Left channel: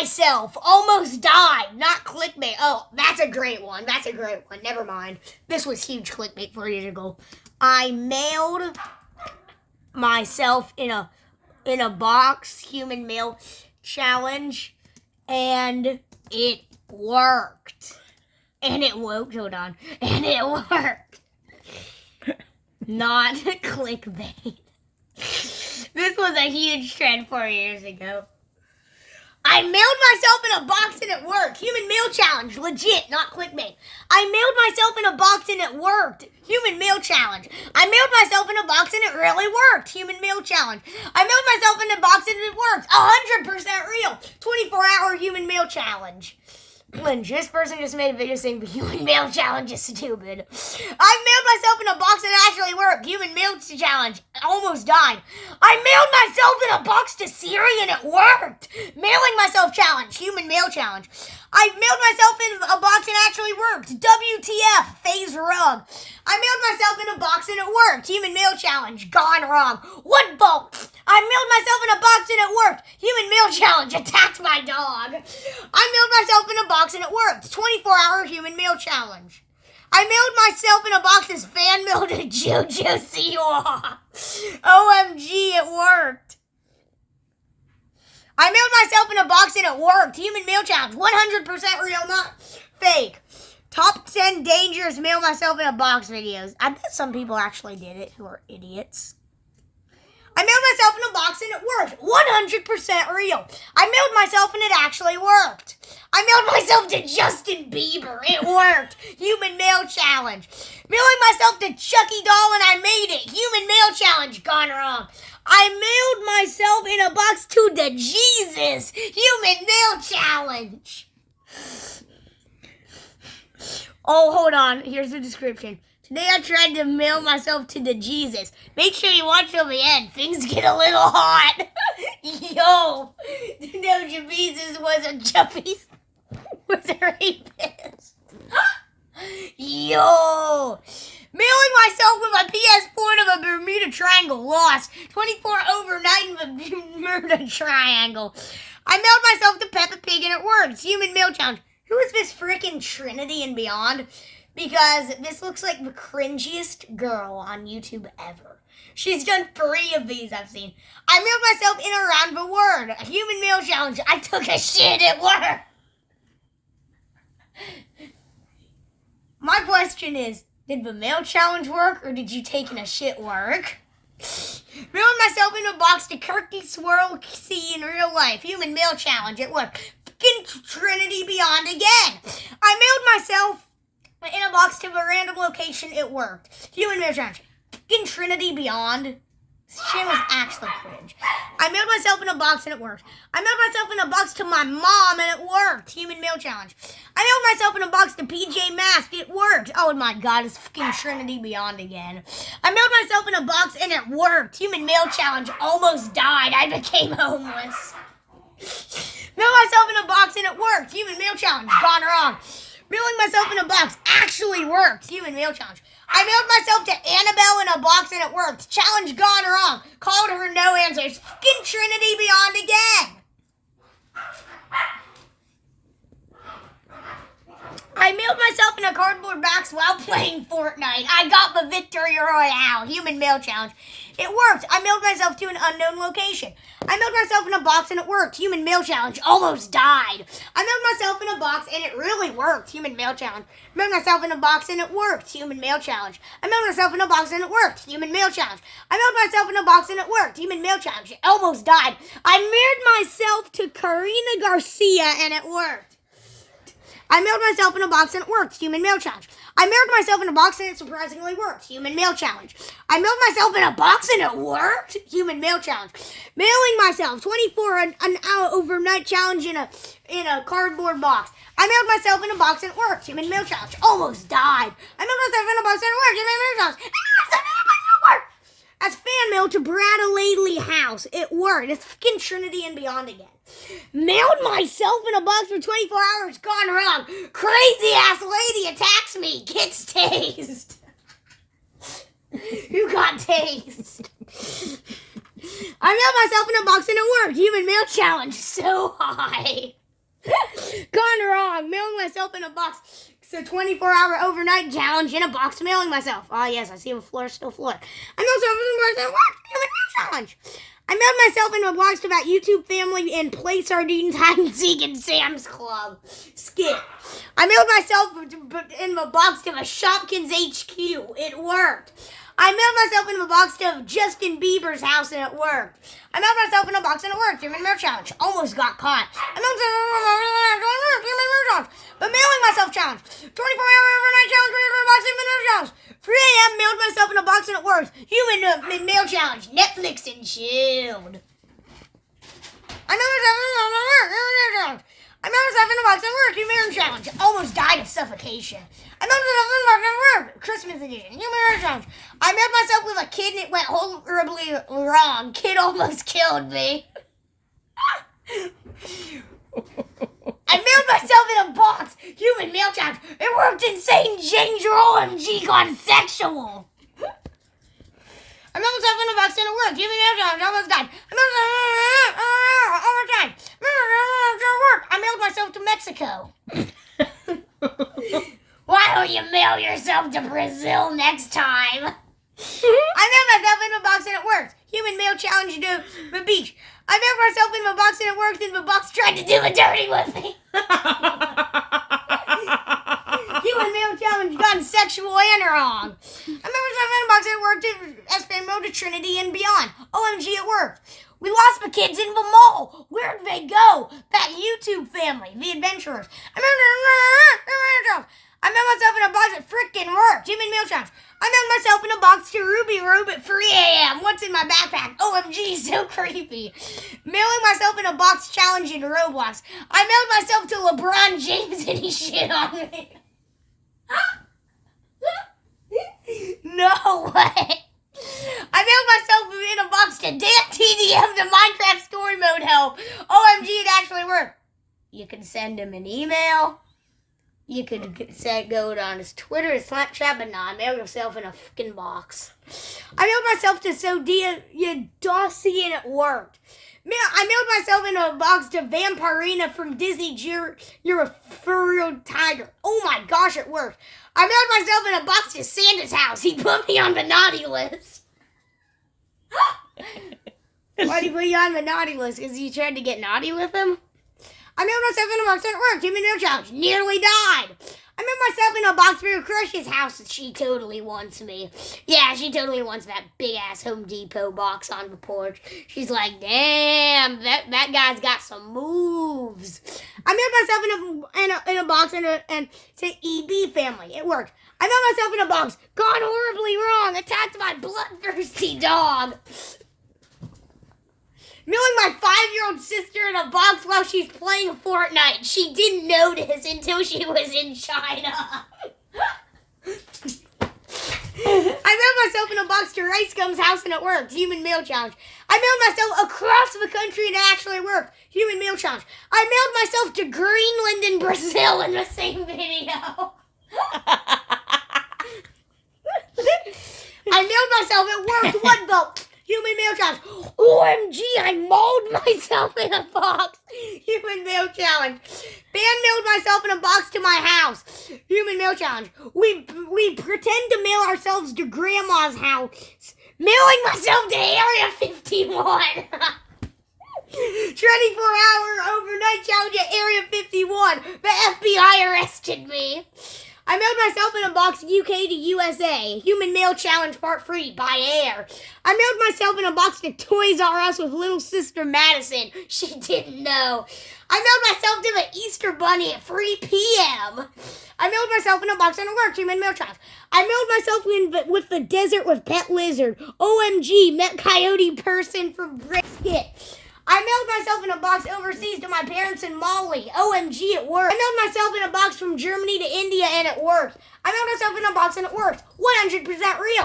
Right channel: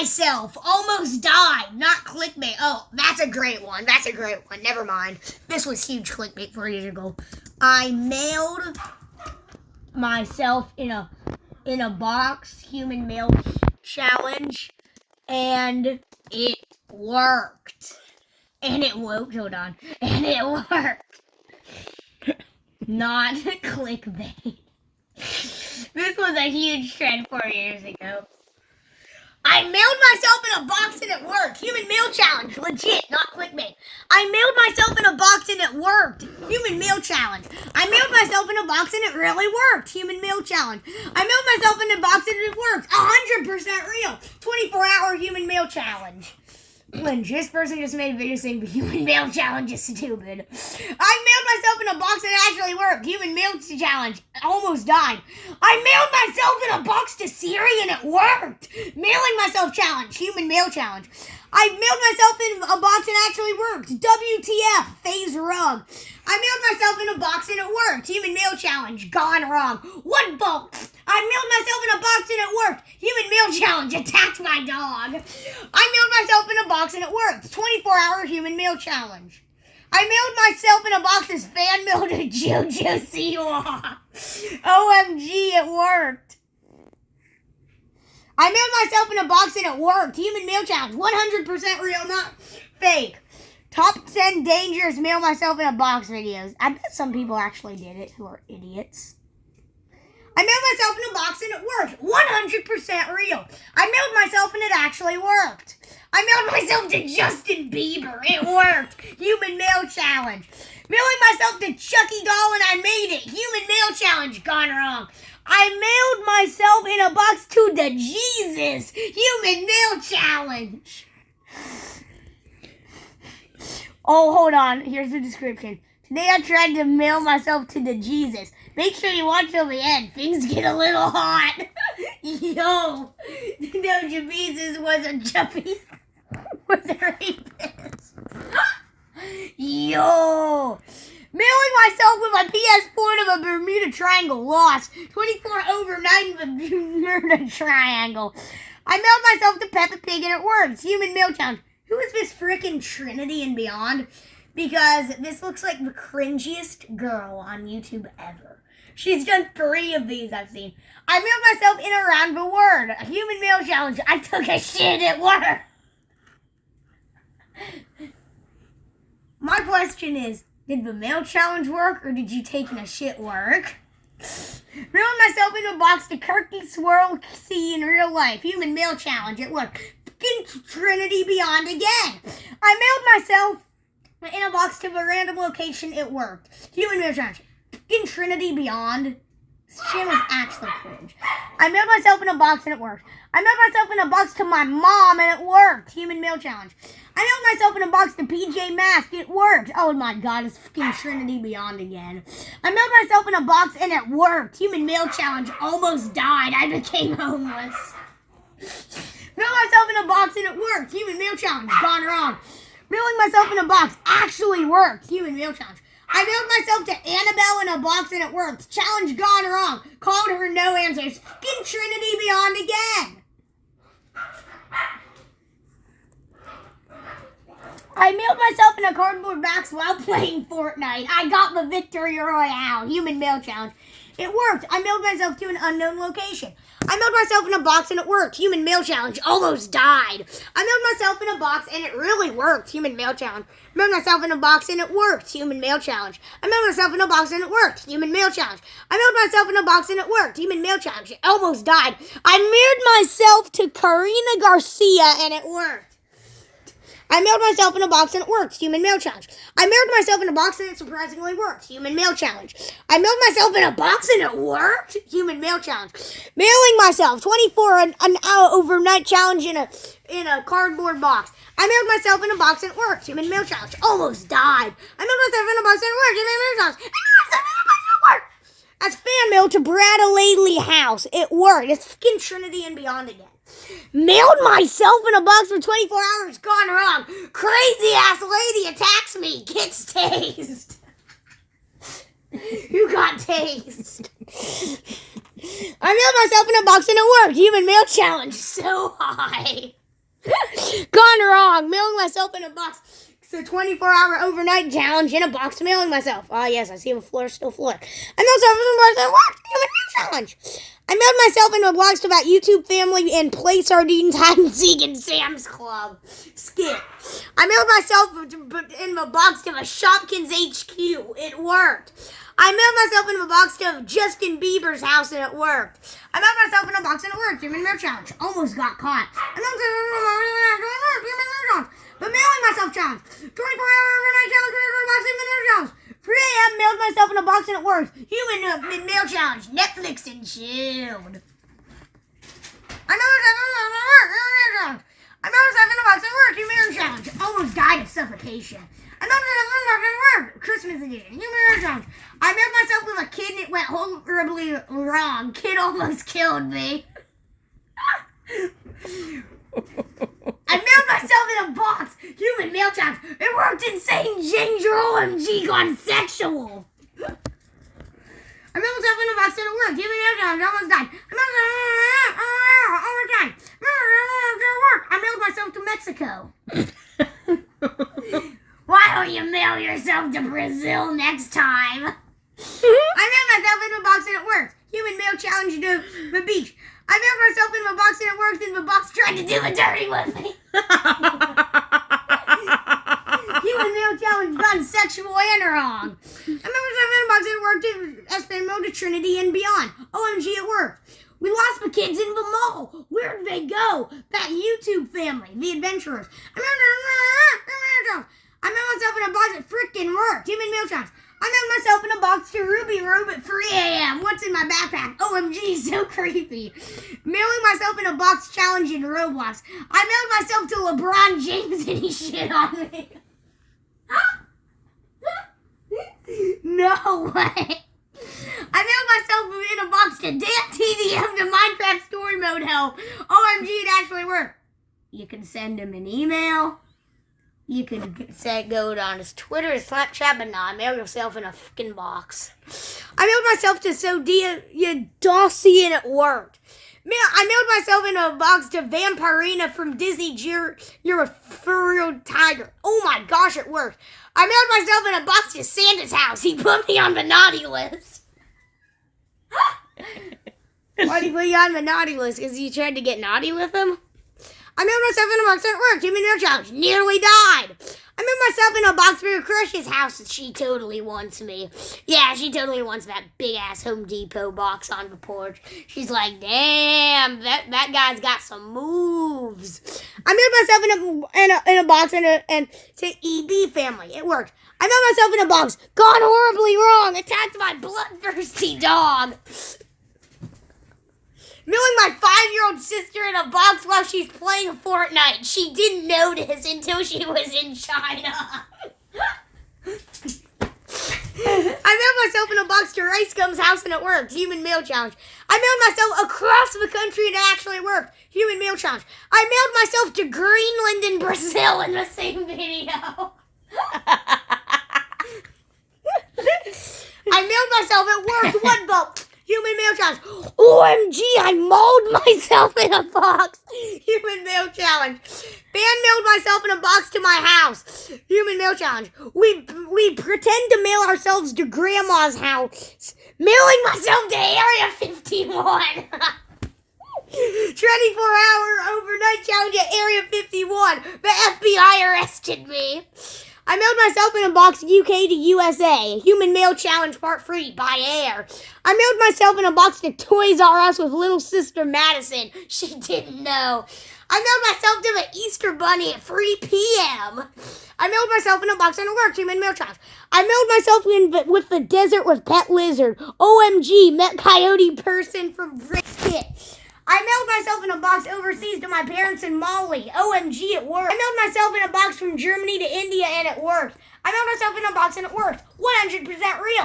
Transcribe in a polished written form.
myself. Almost died. Not clickbait. Oh, that's a great one. Never mind. This was huge clickbait 4 years ago. I mailed myself in a box, human mail challenge, and it worked. And it worked. Not clickbait. This was a huge trend 4 years ago. I mailed myself in a box and it worked. Human mail challenge. Legit, not clickbait. I mailed myself in a box and it worked. Human mail challenge. I mailed myself in a box and it really worked. Human mail challenge. I mailed myself in a box and it worked. 100% real. 24-hour human mail challenge. When this person just made a video saying the human mail challenge is stupid. I mailed myself in a box and it actually worked. Human mail challenge. Almost died. I mailed myself in a box to Siri and it worked. Mailing myself challenge. Human mail challenge. I mailed myself in a box and it actually worked. WTF. Phase rug. I mailed myself in a box and it worked. Human mail challenge. Gone wrong. What bolt? I mailed myself in a box and it worked. Human mail challenge. Attacked my dog. I mailed myself in a box and it worked. 24-hour human mail challenge. I mailed myself in a box as fan mail to JoJo Siwa. OMG, it worked. I mailed myself in a box and it worked. Human mail challenge. 100% real, not fake. Top 10 dangerous mail myself in a box videos. I bet some people actually did it who are idiots. I mailed myself in a box and it worked. 100% real. I mailed myself and it actually worked. I mailed myself to Justin Bieber. It worked. Human mail challenge. Mailing myself to Chucky Doll and I made it. Human mail challenge. Gone wrong. I mailed myself in a box to the Jesus. Human mail challenge. Oh, hold on. Here's the description. Today I tried to mail myself to the Jesus. Make sure you watch till the end. Things get a little hot. Yo, no, Jesus was a rapist. Yo. Mailing myself with my PS4 to the Bermuda Triangle. Lost. 24 overnight in the Bermuda Triangle. I mailed myself to Peppa Pig and it works. Human mail challenge. Who is this frickin' Trinity and Beyond? Because this looks like the cringiest girl on YouTube ever. She's done 3 of these I've seen. I mailed myself in around the word. A human mail challenge. I took a shit at work. My question is, did the mail challenge work or did you take in a shit work? Mailing myself in a box to Kirky Swirl see in real life. Human mail challenge. It worked. Trinity Beyond again. I mailed myself in a box to a random location. It worked. Human mail challenge. Trinity Beyond. This channel is actually cringe. I mailed myself in a box and it worked. I mailed myself in a box to my mom and it worked. Human mail challenge. I mailed myself in a box to PJ Masks. It worked. Oh my god, it's fucking Trinity Beyond again. I mailed myself in a box and it worked. Human mail challenge. Almost died. I became homeless. Mailed myself in a box and it worked. Human mail challenge. Gone wrong. Mailing myself in a box actually worked. Human mail challenge. I mailed myself to Annabelle in a box and it worked. Challenge gone wrong. Called her no answers. Fucking Trinity Beyond again. I mailed myself in a cardboard box while playing Fortnite. I got the Victory Royale. Human mail challenge. It worked. I mailed myself to an unknown location. I mailed myself in a box and it worked. Human mail challenge. Almost died. I mailed myself in a box and it really worked. Human mail challenge. I mailed myself in a box and it worked. Human mail challenge. I mailed myself in a box and it worked. Human mail challenge. I mailed myself in a box and it worked. Human mail challenge. It almost died. I mailed myself to Karina Garcia and it worked. I mailed myself in a box and it worked. Human mail challenge. I mailed myself in a box and it surprisingly worked. Human mail challenge. I mailed myself in a box and it worked. Human mail challenge. Mailing myself 24 an hour overnight challenge in a cardboard box. I mailed myself in a box and it worked. Human mail challenge. Almost died. I mailed myself in a box and it worked. Human mail challenge. That's fan mail to Brad Lately house. It worked. It's fucking Trinity and Beyond again. Mailed myself in a box for 24 hours. Gone wrong. Crazy ass lady attacks me. Gets tased. Who got tased? I mailed myself in a box and it worked. Human mail challenge. So high. Gone wrong. Mailing myself in a box. It's a 24-hour overnight challenge in a box. Mailing myself. Ah, yes, I see the floor still floor. I mailed myself in a box. Challenge. I mailed myself in a box about YouTube family and play sardines, hide and seek, and Sam's Club. Skip. I mailed myself in a box to a Shopkins HQ. It worked. I mailed myself in a box to Justin Bieber's house and it worked. I mailed myself in a box and it worked. Human mail challenge. Almost got caught. I mailed myself but mailing myself challenge. 24-hour overnight challenge. Human mail challenge. 3 a.m. mailed myself in a box and it worked. Human mail challenge. Netflix and chilled. I mailed myself in a challenge. I mailed myself in a box and it worked. Human mail challenge. Almost died of suffocation. I mailed myself in a box and it worked. Christmas edition. Human mail challenge. I mailed myself with a kid and it went horribly wrong. Kid almost killed me. I mailed myself in a box. Human mail challenge. It worked. Insane Danger OMG gone sexual. I mailed myself in a box and it worked. Human mail challenge. Almost died. I mailed myself overtime. I mailed myself to Mexico. Why don't you mail yourself to Brazil next time? I mailed myself in a box and it worked. Human mail challenge to the beach. I mailed myself in a box and it worked and the box tried to do a dirty with me. Human mail challenge gone sexual and wrong. I mailed myself in a box and it worked in Espano to Trinity and beyond. OMG, it worked. We lost the kids in the mall. Where'd they go? That YouTube family, the adventurers. I mailed myself in a box that frickin' worked. Human mail challenge. I mailed myself in a box to Ruby Room at 3 a.m. What's in my backpack? OMG, so creepy. Mailing myself in a box challenge in Roblox. I mailed myself to LeBron James and he shit on me. No way. I mailed myself in a box to Dan TDM to Minecraft Story Mode help. OMG, it actually worked. You can send him an email. You could say go on his Twitter, his Snapchat, but nah, mail yourself in a fucking box. I mailed myself to Sodia Dossie and it worked. I mailed myself in a box to Vampirina from Disney. You're a furry tiger. Oh my gosh, it worked. I mailed myself in a box to Santa's house. He put me on the naughty list. Why did he put you on the naughty list? Because you tried to get naughty with him? I mailed myself in a box and it worked. Human mail challenge. Nearly died. I mailed myself in a box for a crush's house. She totally wants me. Yeah, she totally wants that big-ass Home Depot box on the porch. She's like, damn, that guy's got some moves. I mailed myself in a box and to EB family. It worked. I mailed myself in a box. Gone horribly wrong. Attacked my bloodthirsty dog. Mailing my 5-year-old sister in a box while she's playing Fortnite. She didn't notice until she was in China. I mailed myself in a box to Rice Gum's house and it worked. Human mail challenge. I mailed myself across the country and it actually worked. Human mail challenge. I mailed myself to Greenland and Brazil in the same video. I mailed myself. It worked. What the... Human mail challenge. OMG, I mauled myself in a box. Human mail challenge. Fan mailed myself in a box to my house. Human mail challenge. We pretend to mail ourselves to grandma's house. Mailing myself to Area 51. 24-hour overnight challenge at Area 51. The FBI arrested me. I mailed myself in a box UK to USA. Human mail challenge part 3 by air. I mailed myself in a box to Toys R Us with little sister Madison. She didn't know. I mailed myself to the Easter Bunny at 3 p.m. I mailed myself in a box and it worked. Human mail challenge. I mailed myself in with the desert with Pet Lizard. OMG, met Coyote person from Brisket. I mailed myself in a box overseas to my parents in Mali. OMG, it worked. I mailed myself in a box from Germany to India and it worked. I mailed myself in a box and it worked. 100% real.